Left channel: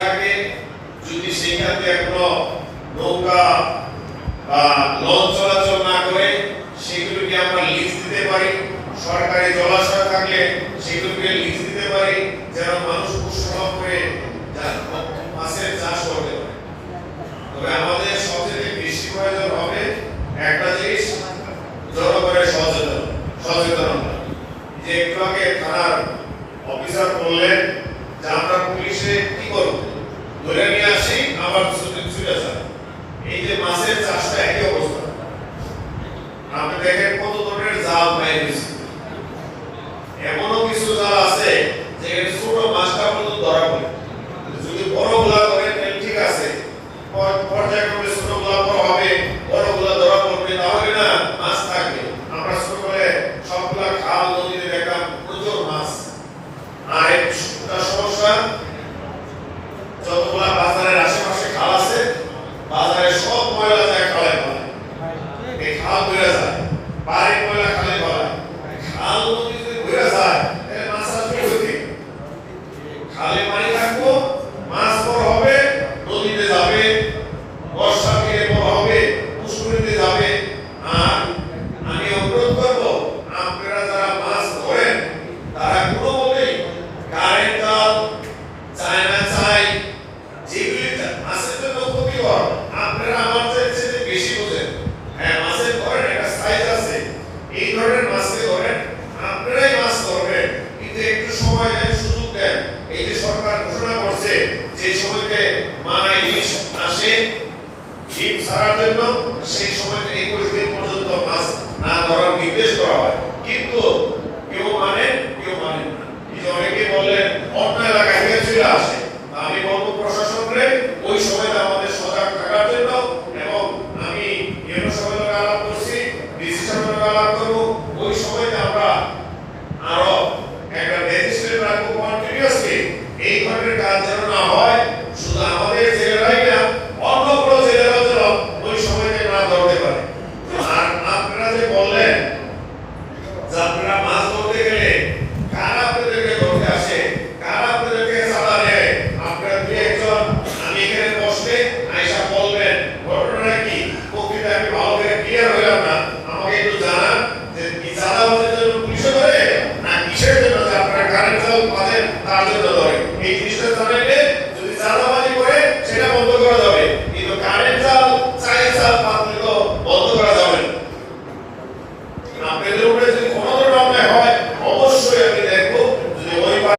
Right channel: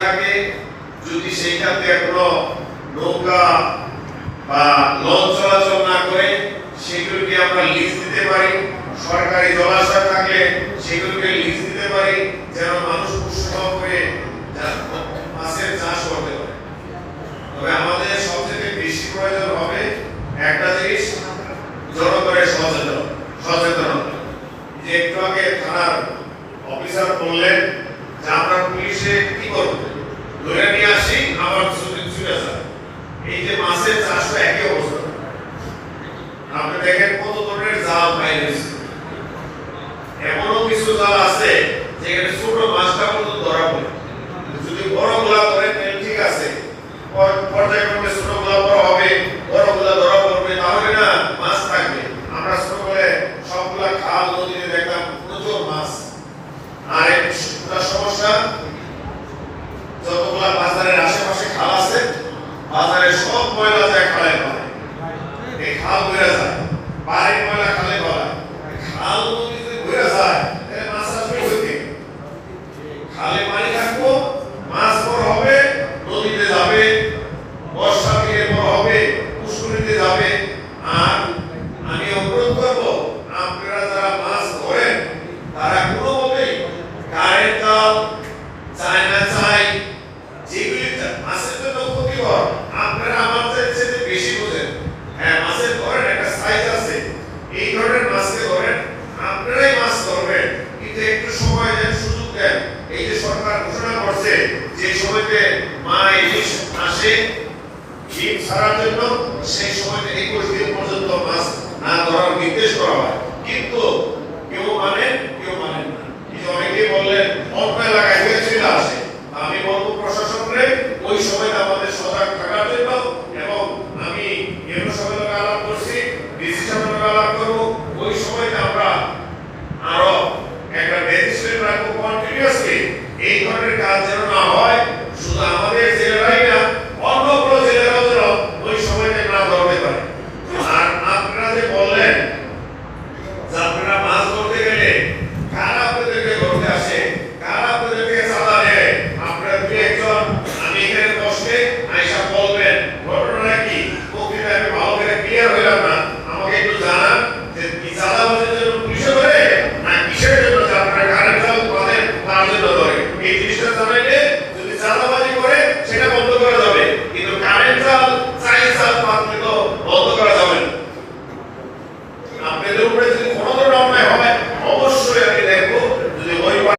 থাকে যদি সেইখানে কোনো নৌকা বা লঞ্চ চলাচল না করে সেগুলোকে আমরা লিজ দিতে পারি। সরকারি জলাশয় থাকলে সেগুলোকে লিজ দিতে পারি, যেন মানুষ উৎসাহ করে মাছের চাষ করতে পারে। তবে আমাদের সবচেয়ে বেশি প্রয়োজন হবে একটা জিনিস, জনগণের সচেতনতা। যে একটু আগে থানার অফিসার বললেন যে আমরা পুলিশে কি করবো, ধরে নিয়ে আসি আবার ছুটে যায়। এই যে মাছের চাষ একই অবস্থা। আপনি দেখেন কত ধরনের জাল বাইরে দিচ্ছে। এমনও কিছু জাল আছে যেখানে ছোট মাছটা পর্যন্ত ধরা পড়ে। যদি বড়গুলা ধরে ঠিক আছে, পর্যায়ক্রমে ছোটগুলা বড় হবে, বড়গুলা ধরা পড়বে, তাহলে না মাছ থাকবে। আমরা ছোটবেলায় সবগুলা খাল নদীতে দেখলাম প্রচুর মাছ। আর একটা সমস্যা, যতগুলা বাজারের আশেপাশে খাল আছে, বাজারে সব ময়লা যায় খালে ফেলায়। এই খাল ঘুরে যায়, বাড়ির ময়লা খালে ফেলায়। খাল নদী যদি ঘুরে যায় তাহলে মাছ আসবে হইতে। খালে পানি থাকবো, মাছ বড় হবে, নদীতে যাবে, বর্ষা পেয়ে বড় হবে, পুষ্করিতে যাবে। আর আমি অনুরোধ করবো, আপনারা যারা মাছ ধরেন তারা কোনো মতেই কারেন্ট জাল, চায়না চাই, যেগুলি মাছের জন্য ক্ষতিকর, আপনারা আমাদের চেয়ে বেশি বোঝেন। হ্যাঁ, মাছের ধরেন একটা সাইজ আছে, এই ধরনের মাছকে ধরেন, আপনারাই মাছ ধরবেন, কিন্তু একটু সময় দেন, সুযোগ দেন। এই যে সরকার ঘোষণা করছে যে সময়তে মা ইলিশ আসে ডিম ছাড়ার জন্য, সেই সময়তে 21 দিন পর্যন্ত মাছ না ধরার নির্দেশ করা হয়, কিন্তু কেউ মানেন কেউ মানেন না। অনেকে বললেন অন্য এলাকায় থেকে চলে আসে। আমি বলবো প্রশাসনকে ওই সময়টা আমাদের সজাগ থাকার জন্য, এবং আমি এর সঙ্গে আলাপ করছি, ডিসি সঙ্গে আলাপ করবো, ওই সময়টা আমরা আরো একটা ম্যাজিস্ট্রেট রাখবো কন্টিনিউয়াসলি। এই ধরনের কাজ যেন না হয়, শুধু আমাদের জেলারাই না, অন্য কোনো জেলারাও যেন ওই সময়টা না ধরতে পারে। আর আপনারা যে বললেন যে আপনারা মাছ ধরতে গেলে কারা আপনাদেরকে ধরতে আসে, কারা আপনাদেরকে চাঁদা দেয়, আপনারা দুই একজন আমি এখানে বসলে আয়সা বলবেন ঘটনাটা কি। বক্তৃতা আমি ভালো করে ক্লিয়ার হইলাম না, আমাকে একটু জানান যে কি চাঁদা হচ্ছে জন্য পুলিশে ধরে না কিসের জন্য, আপনারা কারেন্ট চাল পাবেন তার জন্য